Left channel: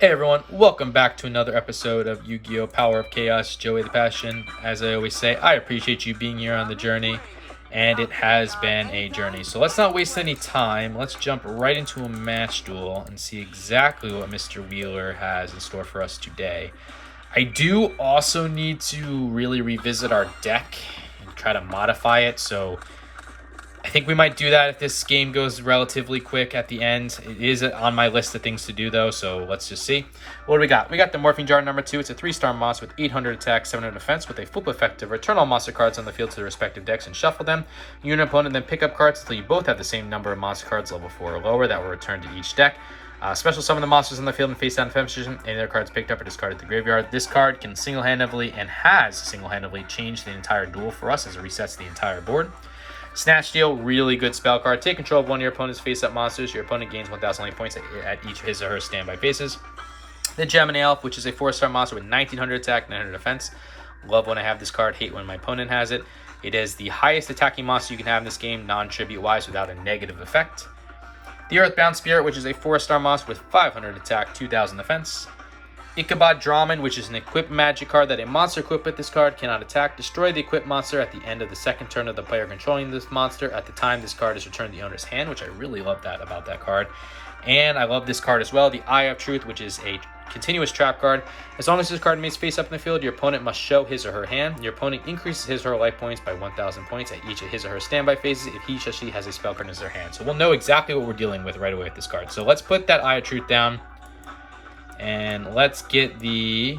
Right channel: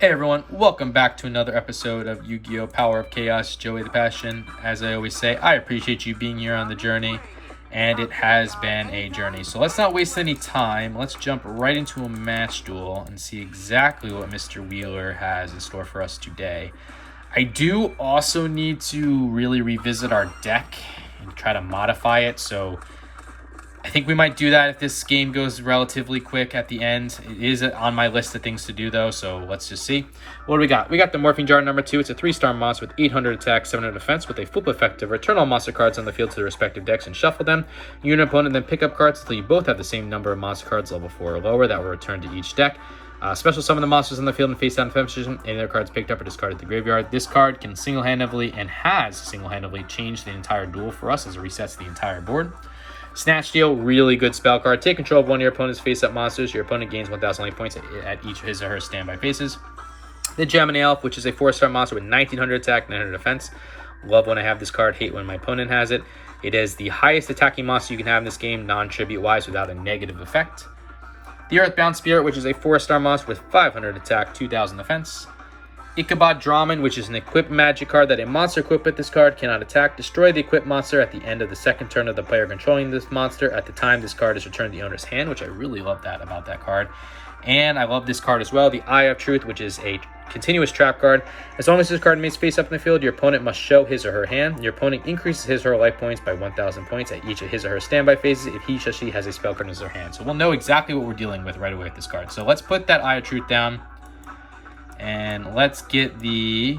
Hey everyone, welcome back to another episode of Yu-Gi-Oh! Power of Chaos, Joey the Passion. As I always say, I appreciate you being here on the journey, and it has been a journey. So let's not waste any time. Let's jump right into a match duel and see exactly what Mr. Wheeler has in store for us today. I do also need to really revisit our deck and try to modify it, so I think we might do that if this game goes relatively quick at the end. It is on my list of things to do, though, so let's just see. What do we got? We got the Morphing Jar number 2. It's a 3-star monster with 800 attack, 700 defense, with a flip effect to return all monster cards on the field to their respective decks and shuffle them. You and your opponent then pick up cards until you both have the same number of monster cards, level 4 or lower, that will return to each deck. Special summon the monsters on the field and face down defense position. Any other cards picked up or discarded at the graveyard. This card can single-handedly and has single-handedly changed the entire duel for us as it resets the entire board. Snatch Deal, really good spell card. Take control of one of your opponent's face-up monsters. Your opponent gains 1,000 life points at each of his or her standby phases. The Gemini Elf, which is a 4-star monster with 1,900 attack, 900 defense. Love when I have this card, hate when my opponent has it. It is the highest attacking monster you can have in this game, non-tribute-wise, without a negative effect. The Earthbound Spirit, which is a 4-star monster with 500 attack, 2,000 defense. Ichabod Draman, which is an equipped magic card that a monster equipped with this card cannot attack. Destroy the equipped monster at the end of the second turn of the player controlling this monster at the time this card is returned to the owner's hand, which I really love that about that card. And I love this card as well, the Eye of Truth, which is a continuous trap card. As long as this card remains face up in the field, your opponent must show his or her hand. Your opponent increases his or her life points by 1,000 points at each of his or her standby phases if he or she has a spell card in their hand. So we'll know exactly what we're dealing with right away with this card. So let's put that Eye of Truth down. And let's get the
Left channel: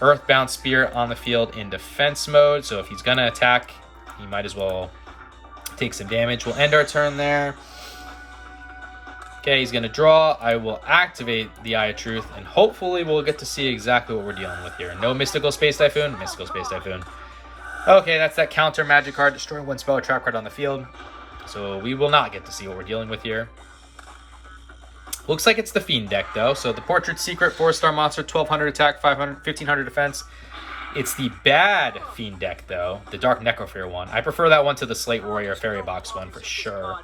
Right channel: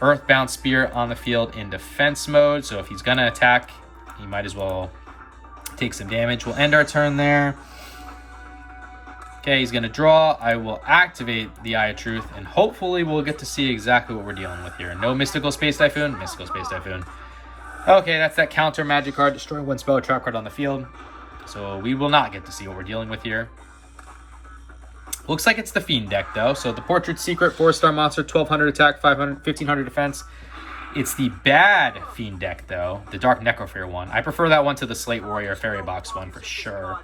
Earthbound Spirit on the field in defense mode. So if he's going to attack, he might as well take some damage. We'll end our turn there. Okay, he's going to draw. I will activate the Eye of Truth, and hopefully we'll get to see exactly what we're dealing with here. No Mystical Space Typhoon. Mystical Space Typhoon. Okay, that's that counter magic card. Destroy one spell or trap card on the field. So we will not get to see what we're dealing with here. Looks like it's the Fiend deck, though. So the Portrait Secret, 4-star monster, 1,200 attack, 1,500 defense. It's the bad Fiend deck, though. The Dark Necrofear one. I prefer that one to the Slate Warrior Fairy Box one for sure.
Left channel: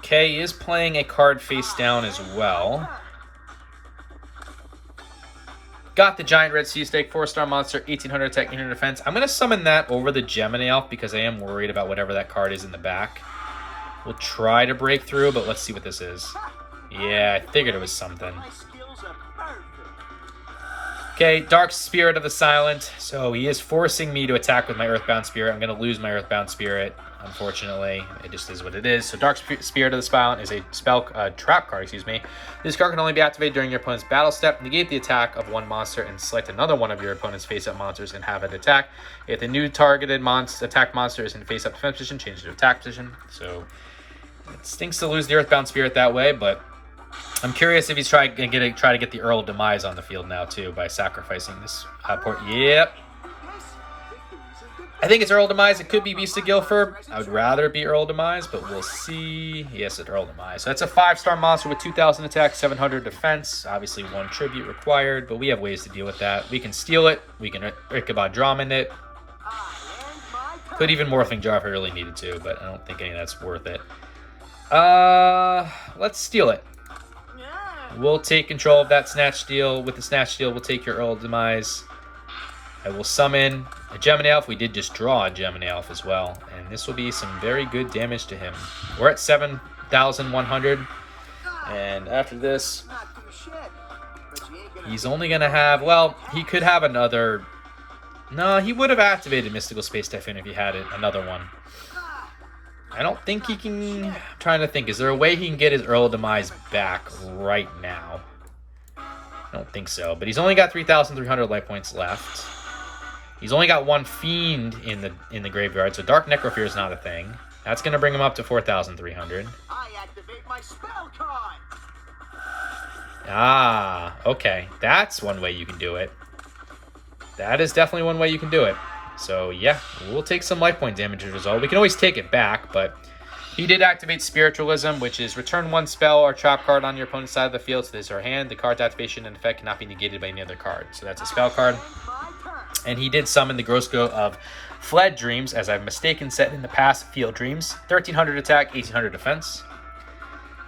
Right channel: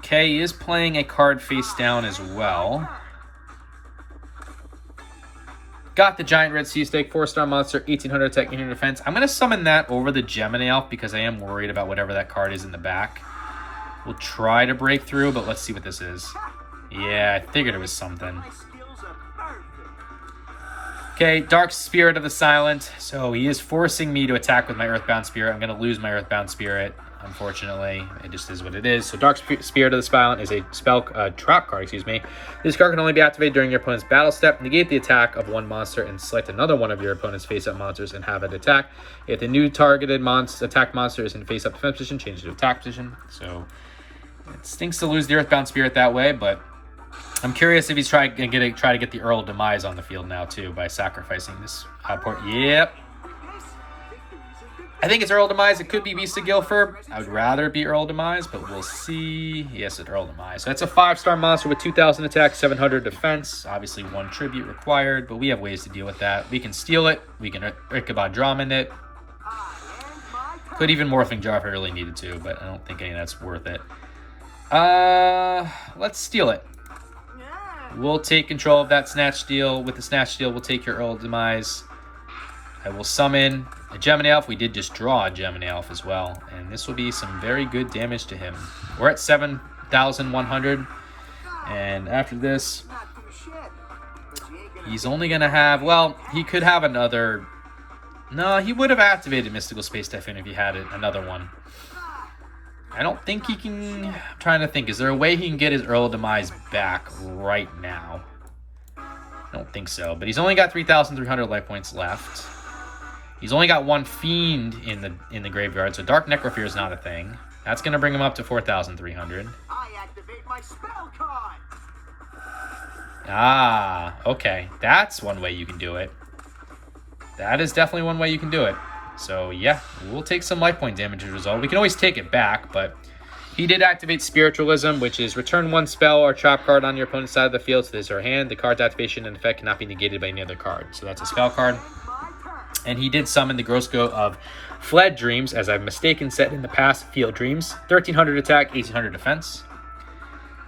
Okay, he is playing a card face down as well. Got the Giant Red Sea Snake, 4-star monster, 1,800 attack, 800 defense. I'm going to summon that over the Gemini Elf because I am worried about whatever that card is in the back. We'll try to break through, but let's see what this is. Yeah, I figured it was something. Okay, Dark Spirit of the Silent. So he is forcing me to attack with my Earthbound Spirit. I'm going to lose my Earthbound Spirit, unfortunately. It just is what it is. So Dark Spirit of the Silent is a trap card, excuse me. This card can only be activated during your opponent's battle step. Negate the attack of one monster and select another one of your opponent's face-up monsters and have it attack. If the new targeted attack monster is in face-up defense position, change it to attack position. So it stinks to lose the Earthbound Spirit that way, but I'm curious if he's try to get the Earl of Demise on the field now, too, by sacrificing this port. Yep. I think it's Earl of Demise. It could be Beast of Guilford. I would rather it be Earl of Demise, but we'll see. Yes, it's Earl of Demise. So that's a 5-star monster with 2,000 attack, 700 defense. Obviously, 1 tribute required, but we have ways to deal with that. We can steal it. We can Ichabod Draman it. Could even Morphing Jar if I really needed to, but I don't think any of that's worth it. Let's steal it. We'll take control of that Snatch Deal. With the Snatch Deal, we'll take your Earl of Demise. I will summon a Gemini Elf. We did just draw a Gemini Elf as well. And this will be some very good damage to him. We're at 7,100. And after this, he's only going to have... Well, he could have another... No, he would have activated Mystical Space Typhoon if he had another one. I don't think he can... I'm trying to think. Is there a way he can get his Earl of Demise back right now? I don't think so. But he's only got 3,300 life points left. He's only got 1 Fiend in the graveyard, so Dark Necrofear is not a thing. That's going to bring him up to 4,300. I activate my spell card. Ah, okay. That's one way you can do it. That is definitely one way you can do it. So, yeah, we'll take some life point damage as a result. We can always take it back, but he did activate Spiritualism, which is return 1 spell or trap card on your opponent's side of the field to his or her hand. The card's activation and effect cannot be negated by any other card. So that's a spell card. And he did summon the Gross Goat of Fled Dreams, as I've mistaken said in the past, Field Dreams. 1300 attack, 1800 defense.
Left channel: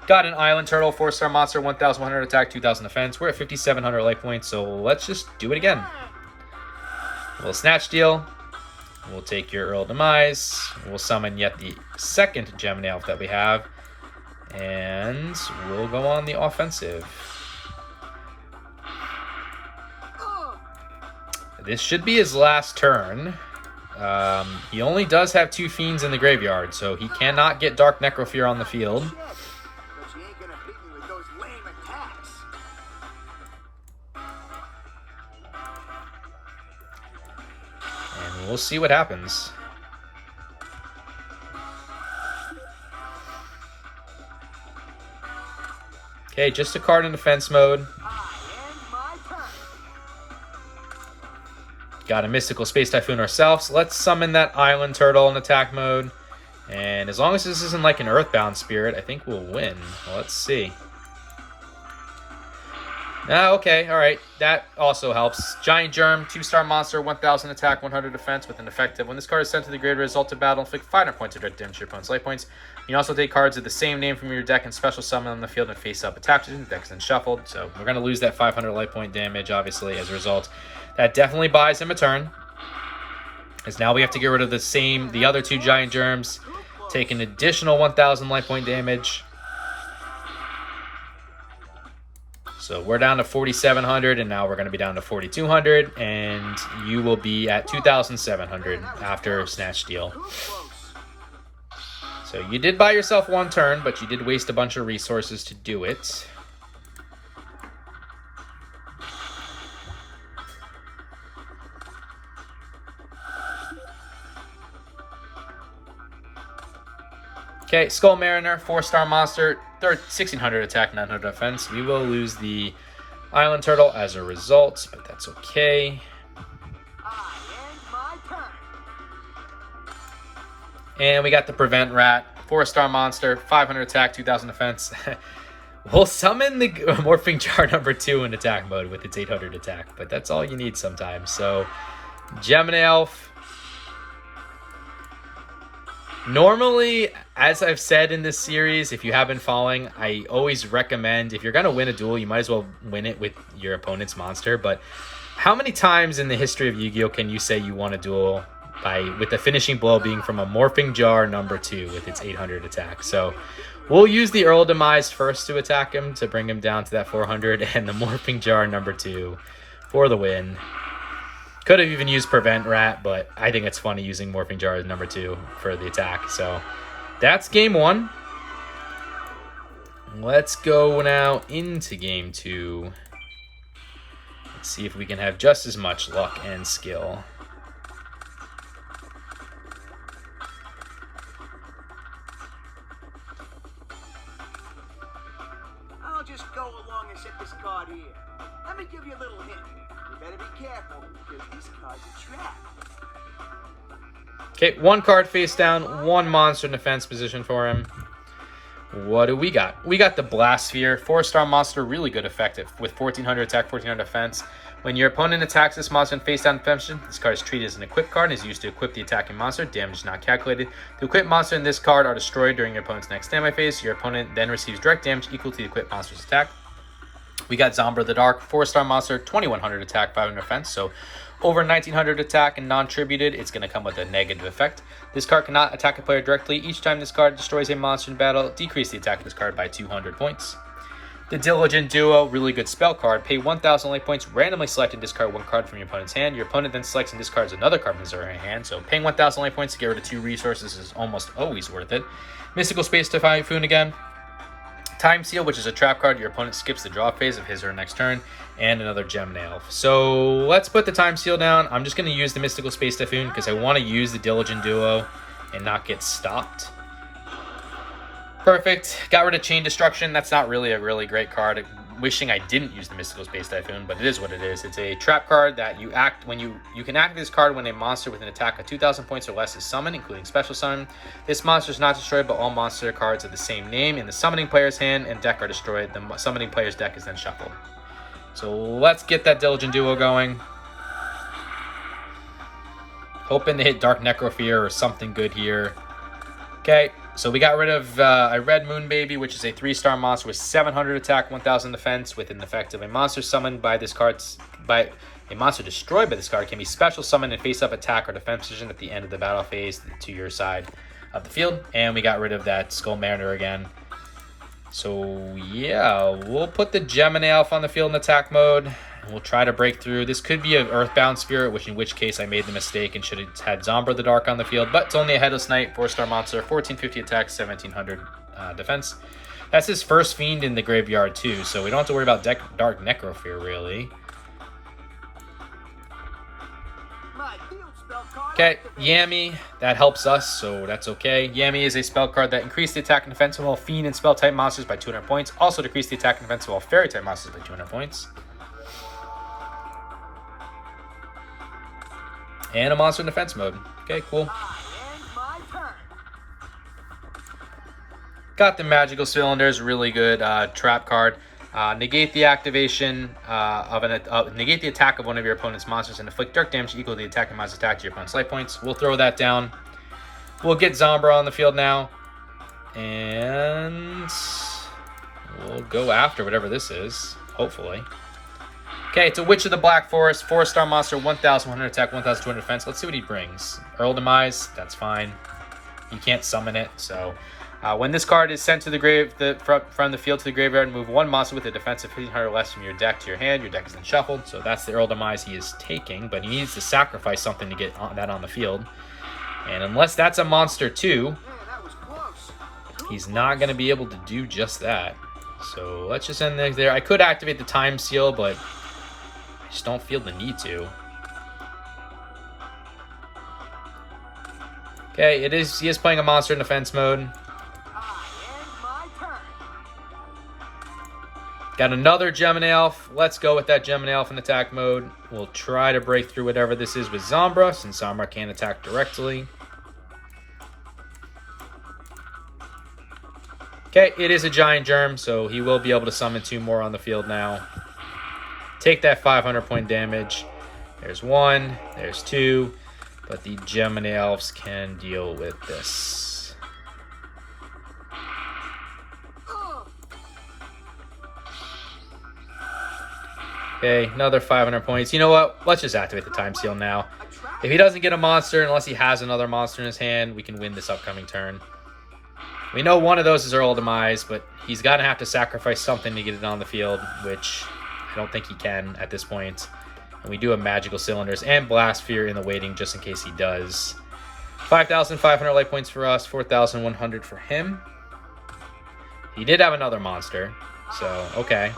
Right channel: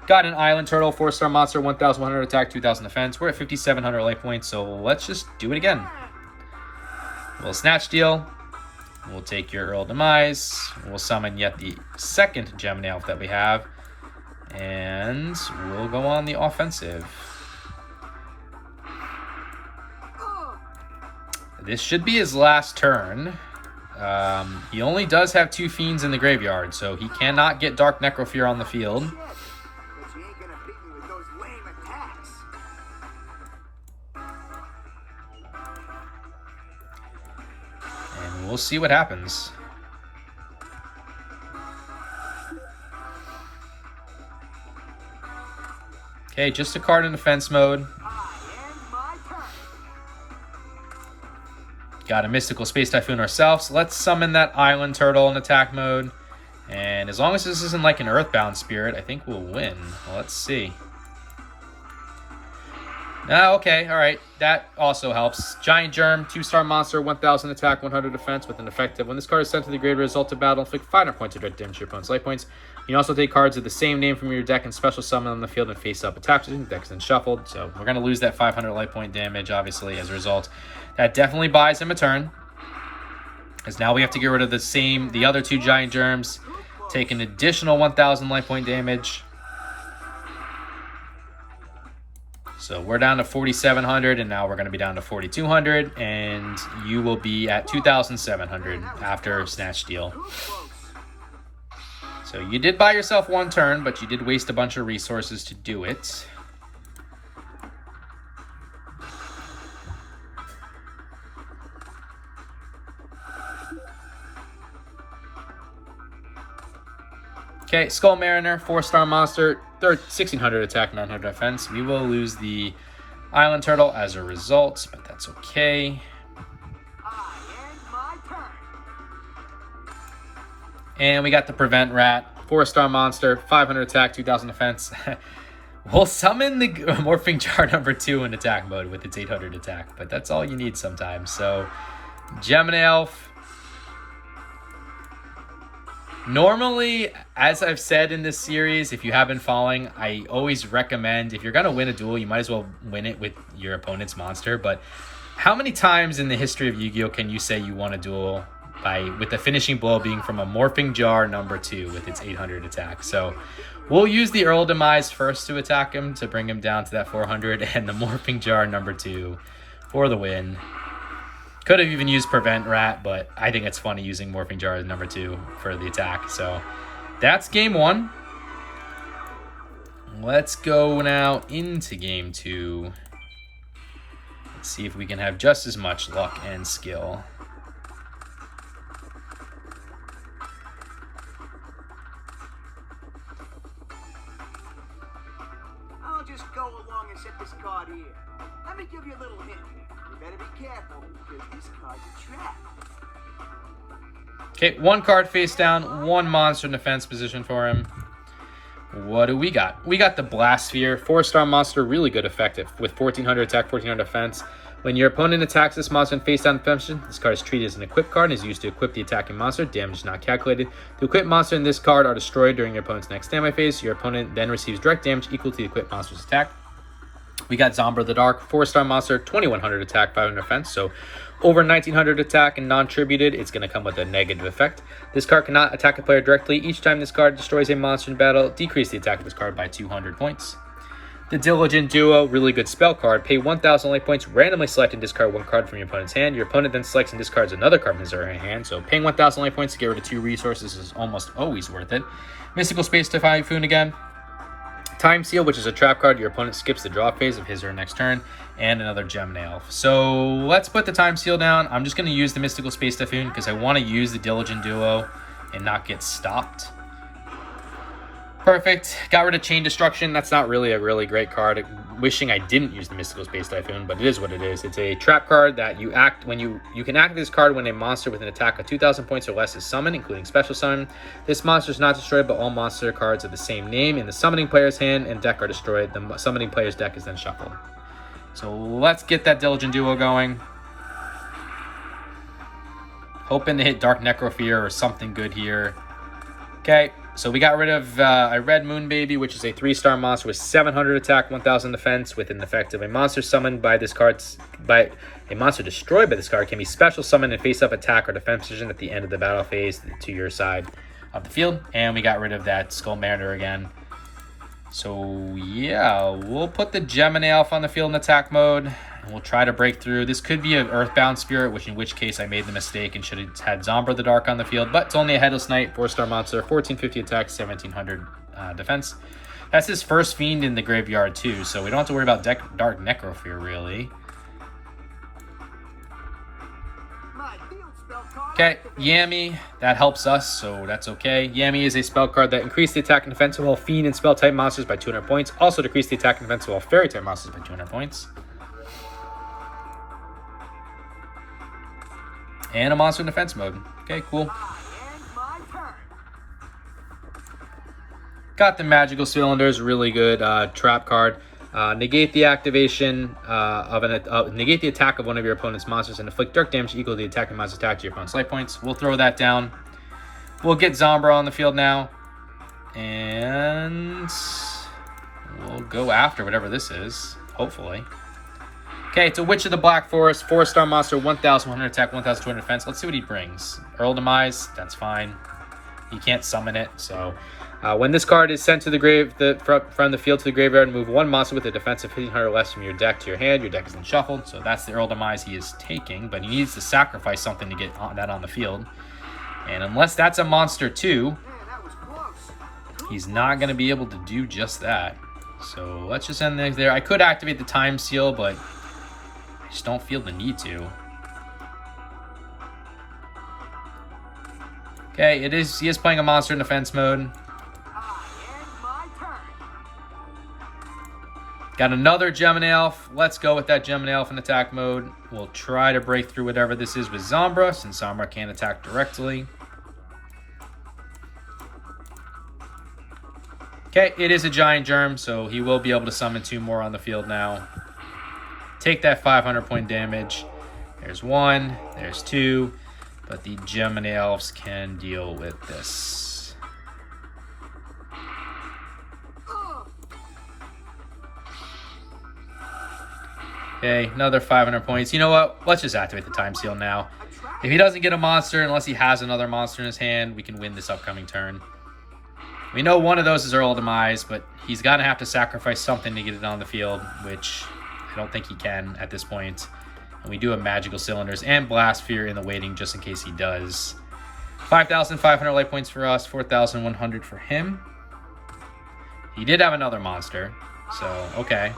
Got an Island Turtle, 4-star monster, 1100 attack, 2000 defense. We're at 5700 life points, so let's just do it again. We'll Snatch Deal. We'll take your Earl Demise. We'll summon yet the second Gemini Elf that we have. And we'll go on the offensive. This should be his last turn. He only does have 2 Fiends in the graveyard, so he cannot get Dark Necrofear on the field. And we'll see what happens. Okay, just a card in defense mode. Got a Mystical Space Typhoon ourselves. Let's summon that Island Turtle in attack mode. And as long as this isn't like an Earthbound Spirit, I think we'll win. Well, let's see. Okay, alright. That also helps. Giant Germ, 2-star monster, 1000 attack, 100 defense with an effective. When this card is sent to the graveyard, result of battle, inflict 500 points of damage to your opponent's life points. You can also take cards of the same name from your deck and special summon on the field and face up attack. The deck is then shuffled, so we're going to lose that 500 life point damage, obviously, as a result. That definitely buys him a turn. Because now we have to get rid of the other 2 Giant Germs. Take an additional 1000 life point damage. So we're down to 4,700, and now we're going to be down to 4,200, and you will be at 2,700 after Snatch Deal. So you did buy yourself 1 turn, but you did waste a bunch of resources to do it. Okay, Skull Mariner, 4-star monster, 1600 attack, 900 defense. We will lose the Island Turtle as a result, but that's okay. And we got the Prevent Rat, 4-star monster, 500 attack, 2000 defense. We'll summon the Morphing Jar number 2 in attack mode with its 800 attack, but that's all you need sometimes. So, Gemini Elf. Normally, as I've said in this series, if you have been following, I always recommend, if you're going to win a duel, you might as well win it with your opponent's monster. But how many times in the history of Yu-Gi-Oh! Can you say you won a duel with the finishing blow being from a Morphing Jar number 2 with its 800 attack? So we'll use the Earl Demise first to attack him to bring him down to that 400, and the Morphing Jar number 2 for the win. Could have even used Prevent Rat, but I think it's funny using Morphing Jar as number 2 for the attack. So that's game 1. Let's go now into game 2. Let's see if we can have just as much luck and skill. I'll just go along and set this card here. Let me give you a little hint. You better be careful, because this card's a trap. Okay, 1 card face down, 1 monster in defense position for him. What do we got? We got the Blast Sphere, 4-star monster, really good effect with 1400 attack, 1400 defense. When your opponent attacks this monster in face down defense, this card is treated as an equip card and is used to equip the attacking monster. Damage is not calculated. The equipped monster in this card are destroyed during your opponent's next standby phase. Your opponent then receives direct damage equal to the equipped monster's attack. We got Zombra the Dark, 4-star monster, 2100 attack, 500 defense. So over 1900 attack and non-tributed, it's going to come with a negative effect. This card cannot attack a player directly. Each time this card destroys a monster in battle, decrease the attack of this card by 200 points. The Diligent Duo, really good spell card. Pay 1000 life points, randomly select and discard 1 card from your opponent's hand. Your opponent then selects and discards another card from his or her hand. So paying 1000 life points to get rid of 2 resources is almost always worth it. Mystical Space Typhoon again. Time Seal, which is a trap card. Your opponent skips the draw phase of his or her next turn. And another Gemini Elf. So let's put the Time Seal down. I'm just going to use the Mystical Space Typhoon because I want to use the Diligent Duo and not get stopped. Perfect. Got rid of Chain Destruction. That's not really a really great card. Wishing I didn't use the Mystical Space Typhoon, but it is what it is. It's a trap card that you act when you can act this card when a monster with an attack of 2,000 points or less is summoned, including special summon. This monster is not destroyed, but all monster cards of the same name in the summoning player's hand and deck are destroyed. The summoning player's deck is then shuffled. So let's get that Diligent Duo going. Hoping to hit Dark Necrofear or something good here. Okay, so we got rid of a Red Moon Baby, which is a 3-star monster with 700 attack, 1000 defense, with an effect of a monster summoned by this card's a monster destroyed by this card can be special summoned and face up attack or defense position at the end of the battle phase to your side of the field. And we got rid of that Skull Mariner again. So yeah, we'll put the Gemini Elf on the field in attack mode. And we'll try to break through. This could be an Earthbound Spirit, in which case I made the mistake and should have had Zombra the Dark on the field. But it's only a Headless Knight, 4-star monster, 1450 attack, 1700 defense. That's his first Fiend in the graveyard too, so we don't have to worry about Dark Necrofear really. Okay, Yami, that helps us, so that's okay. Yami is a spell card that increases the attack and defense of all Fiend and Spell type monsters by 200 points. Also decrease the attack and defense of all Fairy type monsters by 200 points. And a monster in defense mode. Okay, cool. Got the Magical Cylinders, really good trap card. Negate the activation negate the attack of one of your opponent's monsters and inflict dark damage equal to the attacking monster's attack to your opponent's life points. We'll throw that down. We'll get Zombra on the field now. And we'll go after whatever this is, hopefully. Okay, it's a Witch of the Black Forest, 4-star monster, 1100 attack, 1200 defense. Let's see what he brings. Earl Demise, that's fine. You can't summon it, so... when this card is sent to the from the field to the graveyard, move one monster with a defense of 1500 or less from your deck to your hand. Your deck is unshuffled, so that's the Earl Demise he is taking, but he needs to sacrifice something to get that on the field. And unless that's a monster too, he's not going to be able to do just that. So let's just end things there. I could activate the Time Seal, but I just don't feel the need to. Okay, he is playing a monster in defense mode. Got another Gemini Elf. Let's go with that Gemini Elf in attack mode. We'll try to break through whatever this is with Zombra, since Zombra can't attack directly. Okay, it is a Giant Germ, so he will be able to summon 2 more on the field now. Take that 500 point damage. There's 1, there's 2, but the Gemini Elves can deal with this. Okay, another 500 points. You know what? Let's just activate the Time Seal now. If he doesn't get a monster, unless he has another monster in his hand, we can win this upcoming turn. We know one of those is Earl Demise, but he's going to have to sacrifice something to get it on the field, which I don't think he can at this point. And we do have Magical Cylinders and Blast Fear in the waiting just in case he does. 5,500 life points for us, 4,100 for him. He did have another monster, so okay.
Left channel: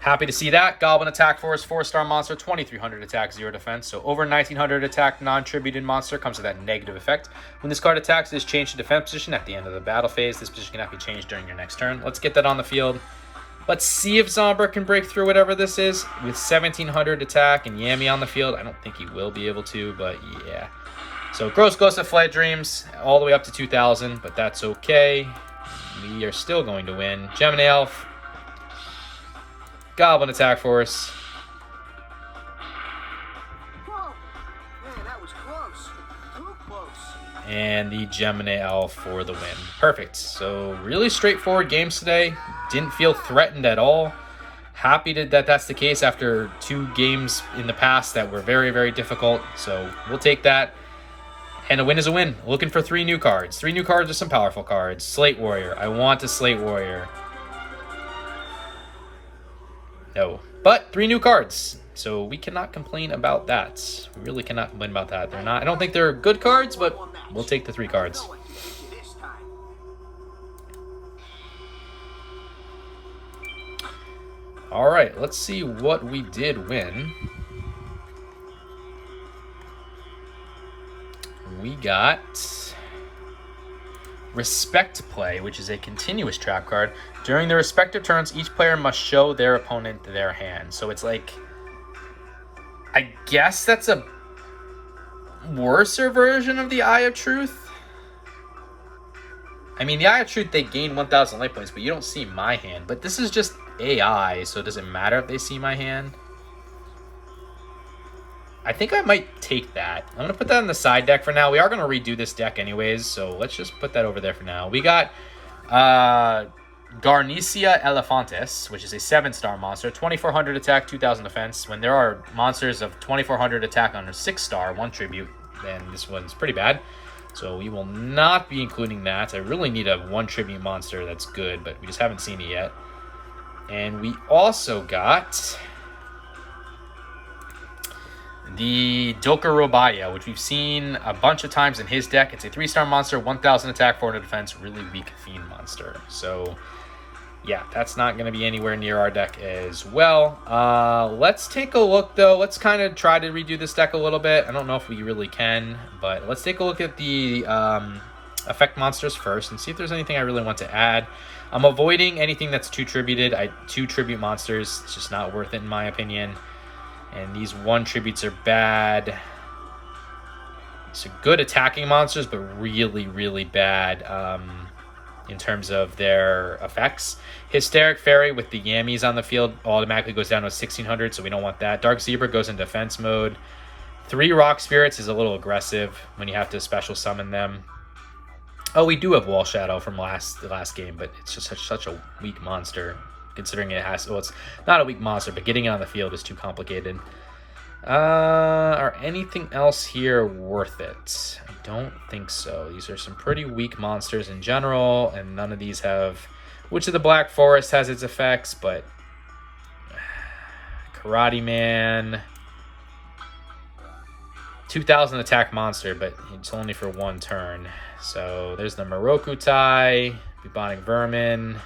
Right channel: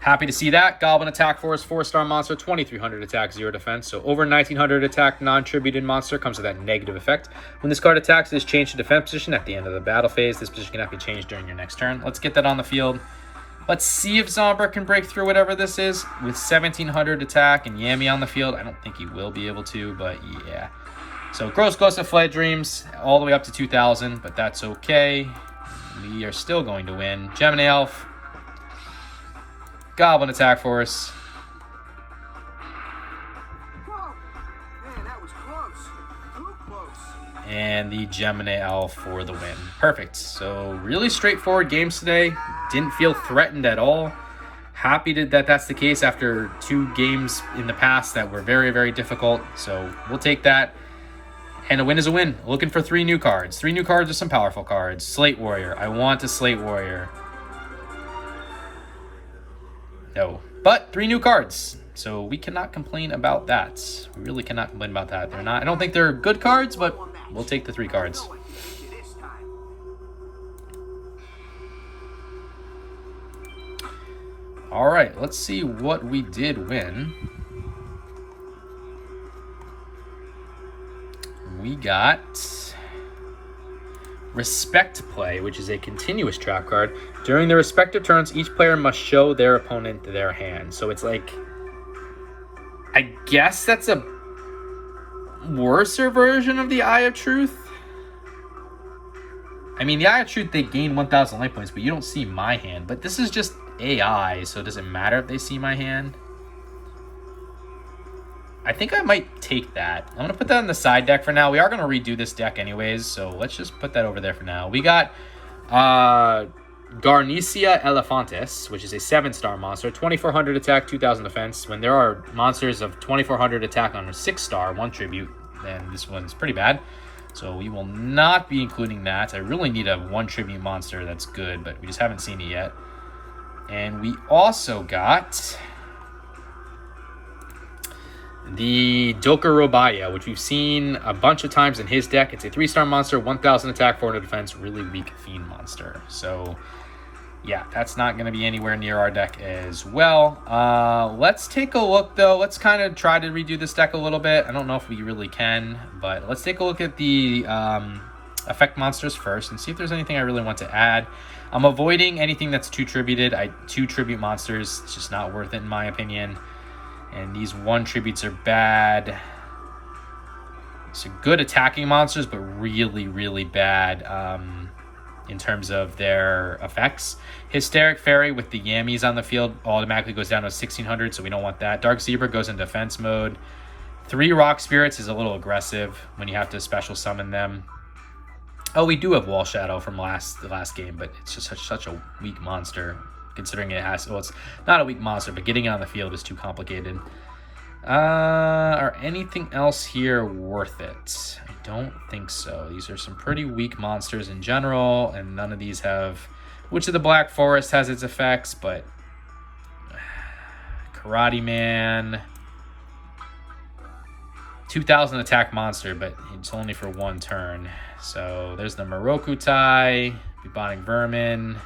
Happy to see that. Goblin Attack Force, 4-star monster, 2300 attack, 0 defense. So over 1900 attack non-tributed monster comes with that negative effect. When this card attacks, it is changed to defense position at the end of the battle phase. This position cannot be changed during your next turn. Let's get that on the field. Let's see if Zombra can break through whatever this is. With 1700 attack and Yami on the field, I don't think he will be able to, but yeah. So Gross Ghost of Flight Dreams, all the way up to 2000, but that's okay. We are still going to win. Gemini Elf. Goblin Attack Force. Whoa. Man, that was close. Too close. And the Gemini Elf for the win. Perfect. So really straightforward games today. Didn't feel threatened at all. Happy that that's the case after 2 games in the past that were very, very difficult. So we'll take that. And a win is a win. Looking for 3 new cards. 3 new cards are some powerful cards. Slate Warrior. I want a Slate Warrior. No. But 3 new cards. So we cannot complain about that. We really cannot complain about that. They're not. I don't think they're good cards, but we'll take the 3 cards. Alright, let's see what we did win. We got Respect Play, which is a continuous trap card. During their respective turns, each player must show their opponent their hand. So it's like, I guess that's a worser version of the Eye of Truth. I mean, the Eye of Truth, they gain 1,000 life points, but you don't see my hand. But this is just AI, so does it matter if they see my hand? I think I might take that. I'm going to put that on the side deck for now. We are going to redo this deck anyways, so let's just put that over there for now. We got Garnecia Elefantis, which is a 7-star monster, 2400 attack, 2000 defense. When there are monsters of 2400 attack on a 6-star, 1 tribute, then this one's pretty bad. So we will not be including that. I really need a 1 tribute monster that's good, but we just haven't seen it yet. And we also got the Dokuro, which we've seen a bunch of times in his deck. It's a 3-star monster, 1000 attack, 400 defense, really weak fiend monster. So yeah, that's not going to be anywhere near our deck as well. Let's take a look, though. Let's kind of try to redo this deck a little bit. I don't know if we really can, but let's take a look at the effect monsters first and see if there's anything I really want to add. I'm avoiding anything that's 2 tributed. 2 tribute monsters, it's just not worth it in my opinion. And these 1 tributes are bad. So good attacking monsters, but really, really bad in terms of their effects. Hysteric Fairy with the Yammies on the field automatically goes down to 1600, so we don't want that. Dark Zebra goes in defense mode. 3 Rock Spirits is a little aggressive when you have to special summon them. Oh, we do have Wall Shadow from the last game, but it's just such a weak monster. Considering it has, well, it's not a weak monster, but getting it on the field is too complicated. Are anything else here worth it? I don't think so. These are some pretty weak monsters in general, and none of these have... Witch of the Black Forest has its effects, but... Karate Man... 2000 attack monster, but it's only for 1 turn. So there's the Moroku Tai, Bubonic Vermin...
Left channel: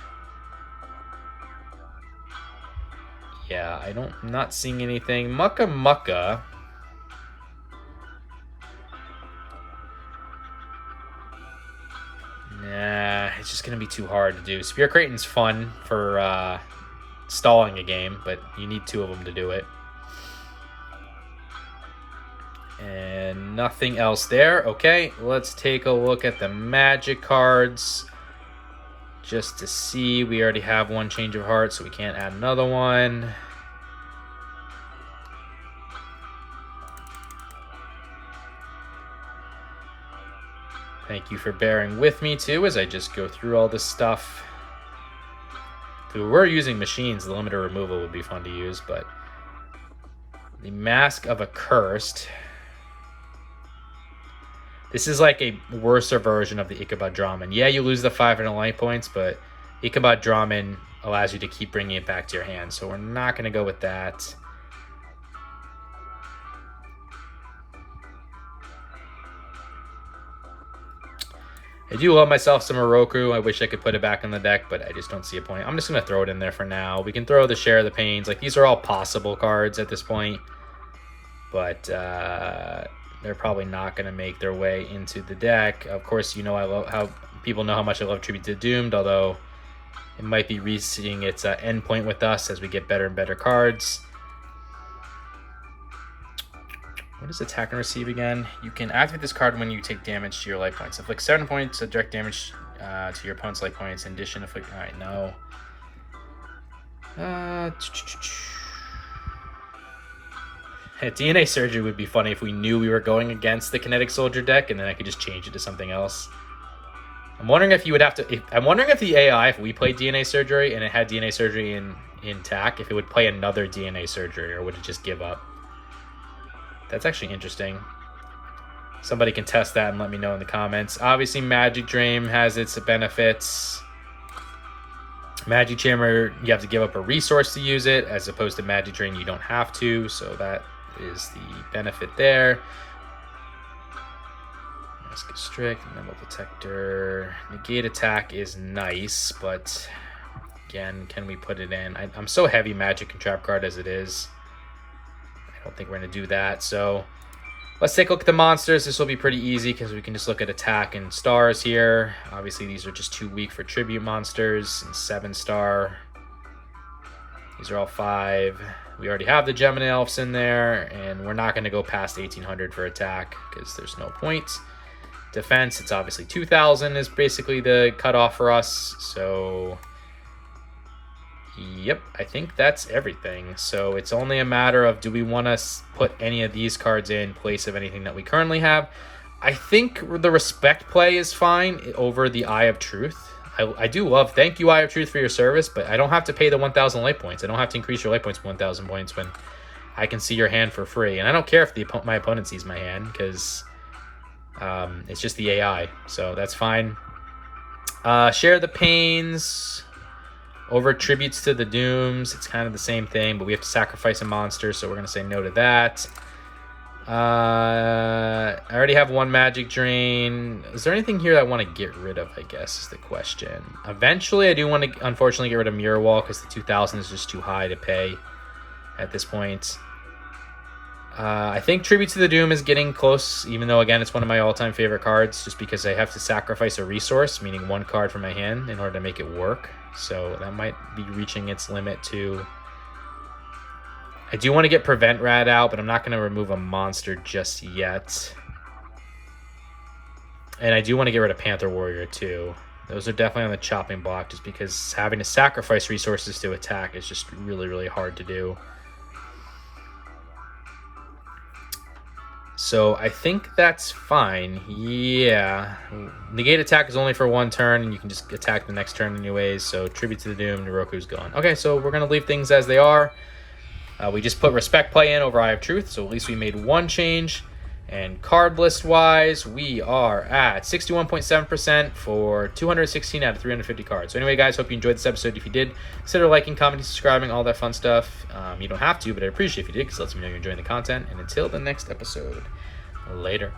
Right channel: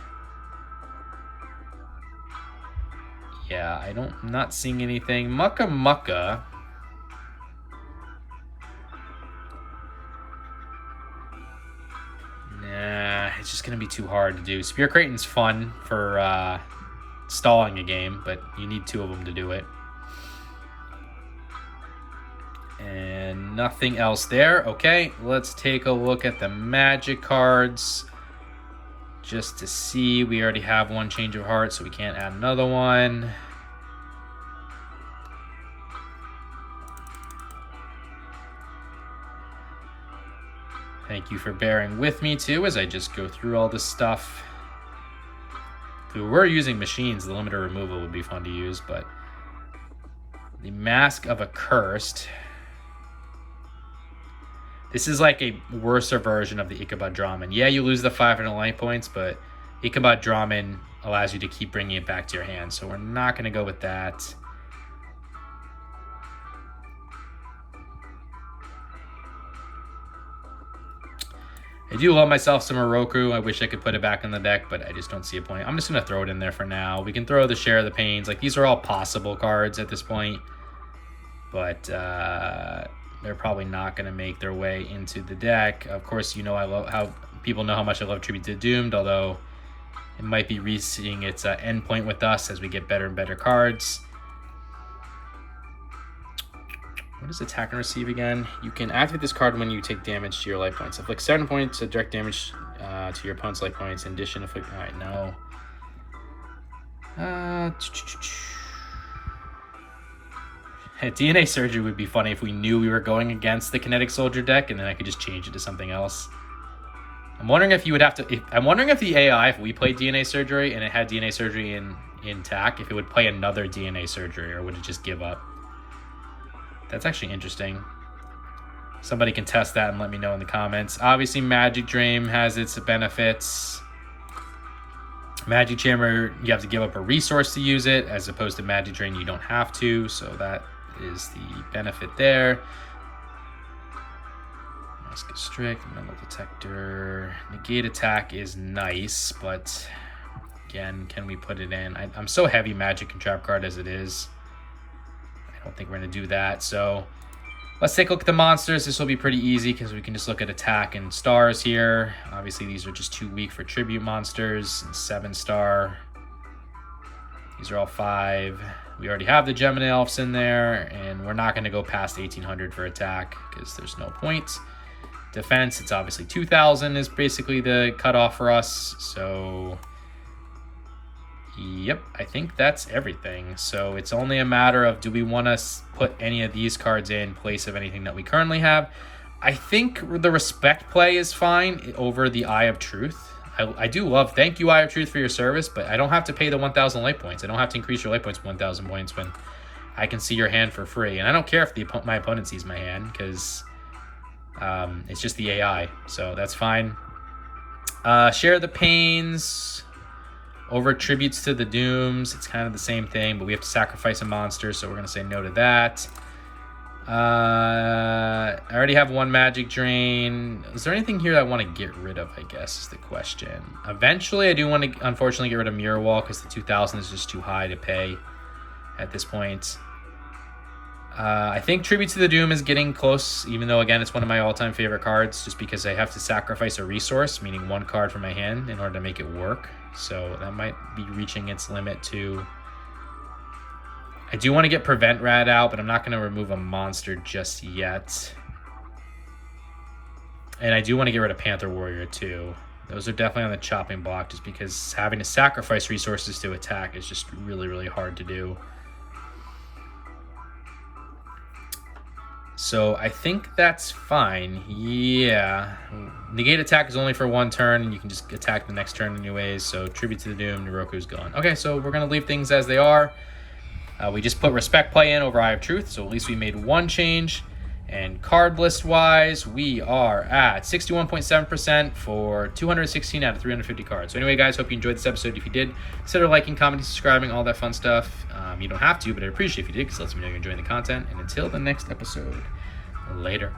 Yeah, I'm not seeing anything. Mucka Mucka. Nah, it's just going to be too hard to do. Spear Kraten's fun for stalling a game, but you need 2 of them to do it. And nothing else there. Okay, let's take a look at the magic cards. Just to see, we already have 1 change of heart, so we can't add another one. Thank you for bearing with me, too, as I just go through all this stuff. If we were using machines, the limiter removal would be fun to use, but... The Mask of Accursed. This is like a worser version of the Ichabod Draman. Yeah, you lose the 500 light points, but Ichabod Draman allows you to keep bringing it back to your hand. So we're not going to go with that. I do love myself some Oroku. I wish I could put it back in the deck, but I just don't see a point. I'm just going to throw it in there for now. We can throw the Share the Pains. Like, these are all possible cards at this point. But, they're probably not going to make their way into the deck. Of course, you know I love how people know how much I love Tribute to Doomed, although it might be reaching its endpoint with us as we get better and better cards. What is Attack and Receive again? You can activate this card when you take damage to your life points. Inflict 7 points of direct damage to your opponent's life points. In addition, inflict... Alright, no. DNA Surgery would be funny if we knew we were going against the Kinetic Soldier deck, and then I could just change it to something else. I'm wondering if you would have to... I'm wondering if the AI, if we played DNA Surgery and it had DNA Surgery in TAC, if it would play another DNA Surgery, or would it just give up? That's actually interesting. Somebody can test that and let me know in the comments. Obviously, Magic Dream has its benefits. Magic Chamber, you have to give up a resource to use it, as opposed to Magic Drain, you don't have to, so that is the benefit there. Mask of Strict, Mental Detector. Negate Attack is nice, but again, can we put it in? I'm so heavy Magic and Trap Card as it is. I don't think we're going to do that, so let's take a look at the monsters. This will be pretty easy because we can just look at attack and stars here. Obviously, these are just too weak for tribute monsters. And 7-star. These are all 5. We already have the Gemini Elves in there, and we're not going to go past 1800 for attack because there's no point. Defense, it's obviously 2000 is basically the cutoff for us. So Yep, I think that's everything. So it's only a matter of, do we want to put any of these cards in place of anything that we currently have? I think the respect play is fine over the Eye of Truth. I do love, thank you, Eye of Truth, for your service, but I don't have to pay the 1,000 life points. I don't have to increase your life points to 1,000 points when I can see your hand for free. And I don't care if my opponent sees my hand, because it's just the AI. So that's fine. Share the Pains over Tributes to the Dooms. It's kind of the same thing, but we have to sacrifice a monster, so we're going to say no to that. I already have one Magic Drain. Is there anything here that I want to get rid of, I guess, is the question. Eventually, I do want to, unfortunately, get rid of Mirror Wall, because the 2,000 is just too high to pay at this point. I think Tribute to the Doom is getting close, even though, again, it's one of my all-time favorite cards, just because I have to sacrifice a resource, meaning one card from my hand, in order to make it work. So that might be reaching its limit, too. I do want to get Prevent Rat out, but I'm not going to remove a monster just yet. And I do want to get rid of Panther Warrior, too. Those are definitely on the chopping block, just because having to sacrifice resources to attack is just really, really hard to do. So I think that's fine. Yeah. Negate attack is only for one turn, and you can just attack the next turn anyways. So Tribute to the Doom, Noroku's gone. Okay, so we're going to leave things as they are. We just put Respect Play in over Eye of Truth, so at least we made one change. And card list-wise, we are at 61.7% for 216 out of 350 cards. So anyway, guys, hope you enjoyed this episode. If you did, consider liking, commenting, subscribing, all that fun stuff. You don't have to, but I'd appreciate if you did, because it lets me know you're enjoying the content. And until the next episode, later.